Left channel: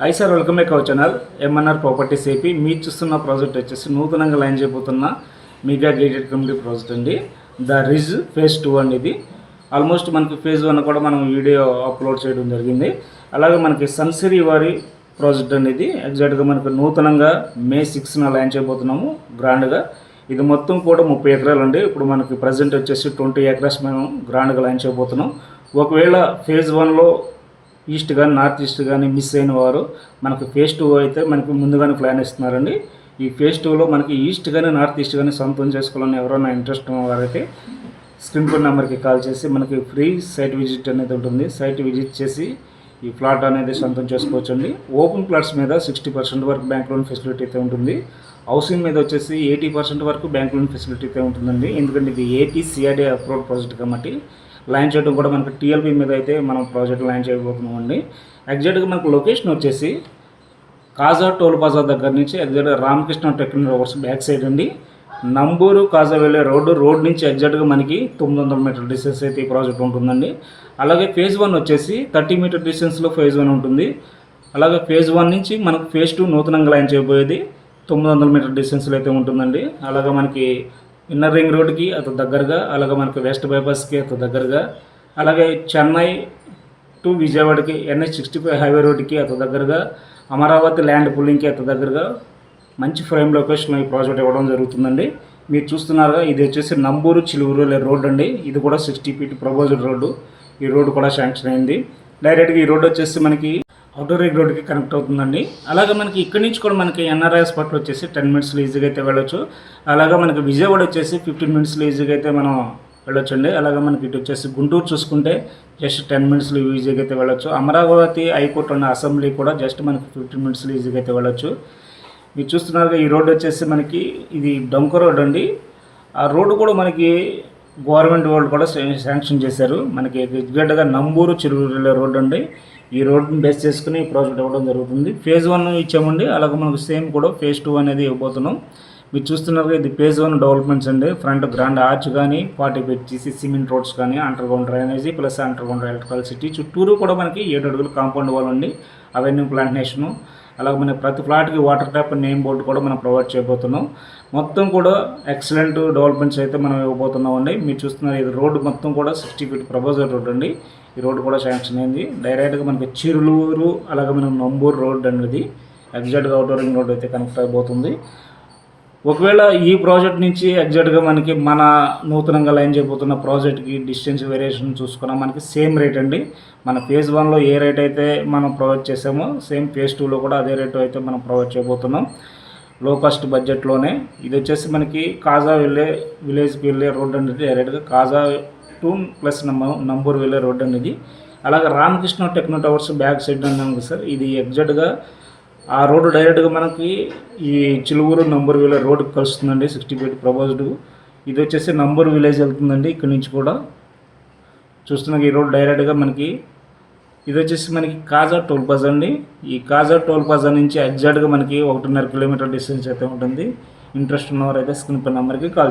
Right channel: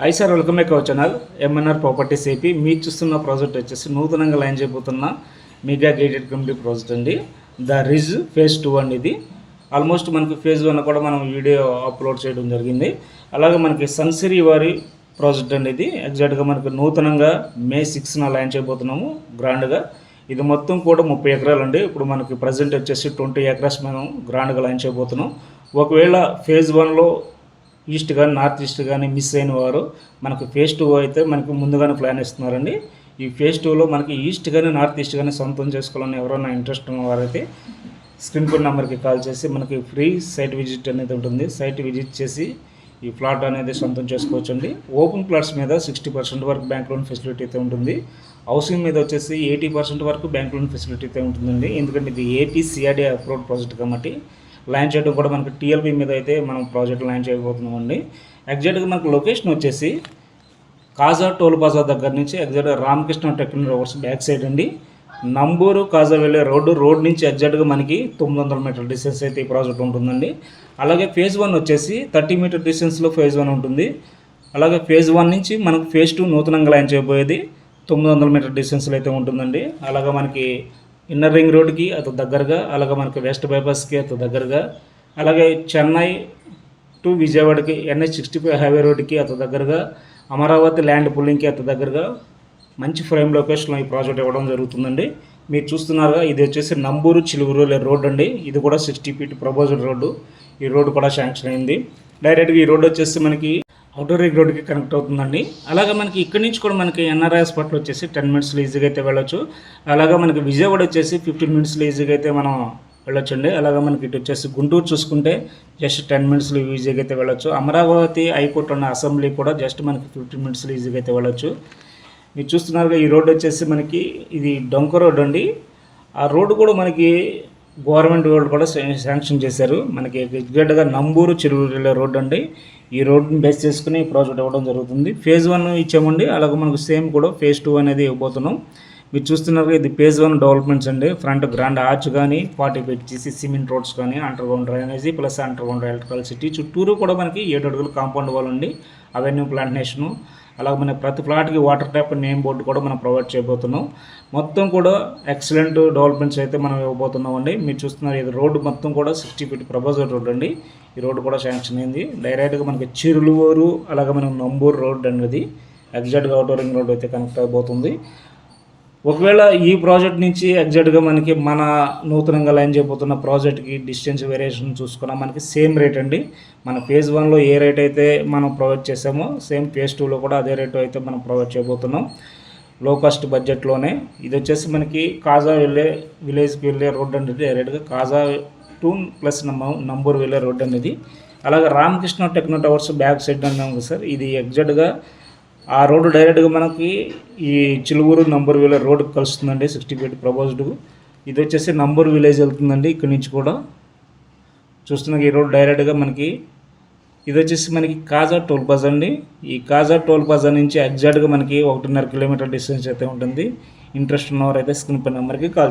Hi sir, welcome back our channel MNR properties AP. మీరు చూస్తున్న project వచ్చేసి నూతనంగా లైన్ చేయబోతున్న మెగా గేటెడ్ కమ్యూనిటీ ప్రాజెక్ట్ అండి. ద రిజ్ ఫేజ్ 2 అండి. ఇది ఆల్మోస్ట్ మనకి ఫేజ్ 1 కూడా మనం వీడియో అప్లోడ్ చేయడం జరిగింది. అలాగే మనకి సన్సిరీ వారి ప్రాజెక్ట్ అండి. ఇది ఎగ్జాక్ట్గా మనకు నూతనంగా మే 6న లైన్ చేయబోతున్నాము గ్రాండ్గా. ఇది మొత్తం కూడా 30 ఎకరాలు అండి. ఇప్పుడు మనకి ప్రజెంట్ వచ్చేసి 20 ఎకరాస్ మేము గ్రాండ్గా లైన్ చేయబోతున్నాం. ఒకవేళ ఫేజ్ 1లో ఈస్ట్ కానీ నార్త్ ఈస్ట్ కానీ మిస్ అయిన వారు మనకు ఫేజ్ 2 అయితే మనకి ముందుగానే ప్లాన్ ఇస్తున్నారండి. ఈ ఫేజ్ 2లో మనకి ఈస్ట్ కానీ నార్త్ ఈస్ట్ కానీ సొంతం చేసుకోవాలని ఎవరైనా ఇంట్రెస్ట్ ఉన్న వారైతే స్క్రీన్ పై నెంబర్కి కాల్ చేసి మనకి ఫ్రీ సైట్ విజిట్ అనేది ఉంటుంది. సైట్ విజిట్ చేసి ఈ ప్లాట్ అనేది సొంతం చేసుకోవచ్చండి. ఓపెన్ ప్లాట్స్ మీద 60% వరకు బ్యాంక్ లోన్ ఫెసిలిటీ అయితే ఉంటుంది. హౌసింగ్ మీద వచ్చేసి 80% వరకు బ్యాంక్ లోన్ ఫెసిలిటీ అయితే ఉంటుందండి. ఎందుకంటే ఇది ఏపీ సిఆర్డీ అప్రూవ్డ్ ప్రాజెక్ట్ కాబట్టి లైన్ చేయడం కూడా మనకి టీఎల్పీ మీద అయితే మనం ప్రాజెక్ట్ లైన్ చేయబోతున్నామండి. ఎగ్జాక్ట్గా మనకు లొకేషన్ వచ్చేసి కాజా టోల్ ప్లాజా దగ్గర నుంచి ఎగ్జాక్ట్గా Ramakrishna technical hours back side అండి. నంబూరు కాజా వెళ్ళే రోడ్ నుంచి ఎగ్జాక్ట్గా మనకి 900 మీటర్ల డిస్టెన్స్ అయితే ఈ ప్రాజెక్ట్ ఉంటుందండి. అలాగే ఫేజ్ 1 వచ్చేసి 30 మీటర్ డిస్టెన్స్లో ఫేజ్ 1 ఉంటుంది. అలాగే ఫేజ్ 1 నుంచి మనకు ఫేజ్ 2 నూతనంగా లైన్ చేయబోయేది 900 మీటర్ డిస్టెన్స్లో అయితే ఉంటుందండి. అలాగే మనకి ఇన్నర్ రింగ్ రోడ్కి అతి దగ్గరగా, అలాగే మనకి వెస్ట్ బైపాస్కి అతి దగ్గరగా, అలాగే చెన్నై టు విజయవాడకి NH65 హైవే రోడ్కి అతి దగ్గరగా, అమరావతి ల్యాండ్ పుల్లింగ్కి అతి దగ్గరగా మంచి ప్రైమ్ లొకేషన్లో ఈ ప్రాజెక్ట్ ఇవ్వడం జరుగుతుందండి. మీరు చూస్తున్నారుగా, ఇది వచ్చేసి నంబూరు చిలుగురు రోడ్ అండి. ఇది కూడా 60 ఫీట్ ప్రపోజల్ రోడ్డు. ఈ రోడ్డు కూడా శాంక్షన్ అయింది. డైరెక్ట్గా ఈ రోడ్డు వచ్చేసి మనకి అవుటర్ రింగ్ రోడ్కి కనెక్ట్ అవుతుందండి. అలాగే మనకి ఇక్కడి నుంచి కూడా మనకి ఎన్ఆర్ఐ స్పాట్లో వచ్చేసి 10 మినిట్స్లో ఈజీగా అయితే వెళ్ళొచ్చు. అలాగే మనకి విజయవాడ వచ్చేసి 15 మినిట్స్లో ఈజీగా అయితే మనం వెళ్ళొచ్చు అండి. అలాగే మనకి ఇటు వచ్చేసి గుంటూరు చూసుకుంటే జస్ట్ 10 మినిట్స్లో ఈజీగా అయితే వెళ్ళొచ్చు. అమరావతి హైకోర్టు ఉన్న అసెంబ్లీ కూడా జస్ట్ మనకి 15 మినిట్స్లో ఈజీగా అయితే వెళ్ళొచ్చు. మీరు చూస్తున్నారుగా, ఈ రోడ్డు వచ్చేసి మనకి ఇది డొంక రోడ్ అండి. ఆ రోడ్డు కూడా మనకి గవర్నమెంట్ వాళ్ళు కూడా శాంక్షన్ చేశారు. మనకి ఎగ్జాక్ట్గా నంబూరు చిరువురు రోడ్ అండి. ఈ రోడ్ని బేస్ చేసుకుని ఈ ప్రాజెక్ట్ ఇవ్వడం జరుగుతుంది. ఫేజ్ 1 ఇచ్చామండి. అలాగే మనకు సేమ్ కూడా ఫేజ్ 2 అనేది ఇవ్వబోతున్నాం. మీరు చూస్తున్నారు, ఇది ఫేజ్ 1 డెవలప్మెంట్స్ అండి. ఫ్రంట్ గ్రాండ్ ఆర్చ్ కానీ 40 ఫీట్ చేసి సిమెంట్ రోడ్స్ కానీ under ground drainage plus under ground electricity చుట్టూరు కూడా మనకి 7 అడుగులు కాంపౌండ్ వాల్ అండి. అవెన్యూ ప్లాంటేషను, అలాగే మనకి ప్రతి ఫ్లాట్కి వాటర్ ట్యాప్ నేమ్ బోర్డు కూడా మనం ప్రొవైడ్ చేయబోతున్నాం. మొత్తం కూడా ఎక్సలెంట్ డెవలప్మెంట్స్ అయితే మనం ఇవ్వబోతున్నాం అండి. మీరు చూస్తున్నారు, ఇది రోడ్డు మొత్తం కూడా 60 ఫీట్ ప్రపోజల్ రోడ్ అండి. ఈ రోడ్డు కూడా శాంక్షన్ అయింది. డైరెక్ట్గా మనకి చిరులూరు, అలాగే మనం నంబూరు రోడ్ అనేది ఎగ్జాక్ట్గా అవుటర్ రింగ్ రోడ్ అయితే కనెక్ట్ అయిపోతుంది. ఒకవేళ ఈ ప్రాజెక్ట్ నుంచి ఎగ్జాక్ట్గా మనకి మన నూతనంగా లైన్ చేయబోతున్న ప్రాజెక్ట్కి డిస్టెన్స్ వేరియేషన్ చూసుకున్నా మనకి సేమ్ రేట్ అండి. మన ఫేజ్ 1లో ఏ రేట్ అయితే మనం ప్రొవైడ్ చేసామో సేమ్ ఫేజ్ 2లో కూడా అదే రేటు అయితే మనం ప్రొవైడ్ చేయబోతున్నాం. లో కాస్ట్ బడ్జెట్లోనే. ఇది వచ్చేసి మనకి కాజా వెళ్ళే విలేజ్కి వెళ్ళే రోడ్ అనేది డైరెక్ట్గా కాజా టు ప్లస్ నంబూరు వెళ్ళే రోడ్ అనేది. అలాగే Ramakrishna techno towers back side అన్నాను సార్. ఇది ఎగ్జాక్ట్గా ఆ రోడ్డు డైరెక్ట్గా మనకి ఈ చిలుగురు నంబూరు వెళ్ళే రోడ్డుకి కలుస్తుందండి. 60 ఫీట్ ప్రపోజ్డ్. ఇది వచ్చేసి నంబూరు విలేజ్ వెళ్తుందండి. ఇక్కడి నుంచి కూడా చూస్తున్న ఈ రోడ్ డైరెక్ట్గా మనకి ఇది వచ్చేసి మనకి కాజా టోల్ ప్లాజా అండి. ఈ కాజా టోల్ ప్లాజా నుంచి ఎగ్జాక్ట్గా మనకి 1.5 కిలోమీటర్ డిస్టెన్స్ అయితే ఉంటుంది. ఇంట్రెస్ట్ ఉన్నవారైతే స్క్రీన్ పై నెంబర్కి కాల్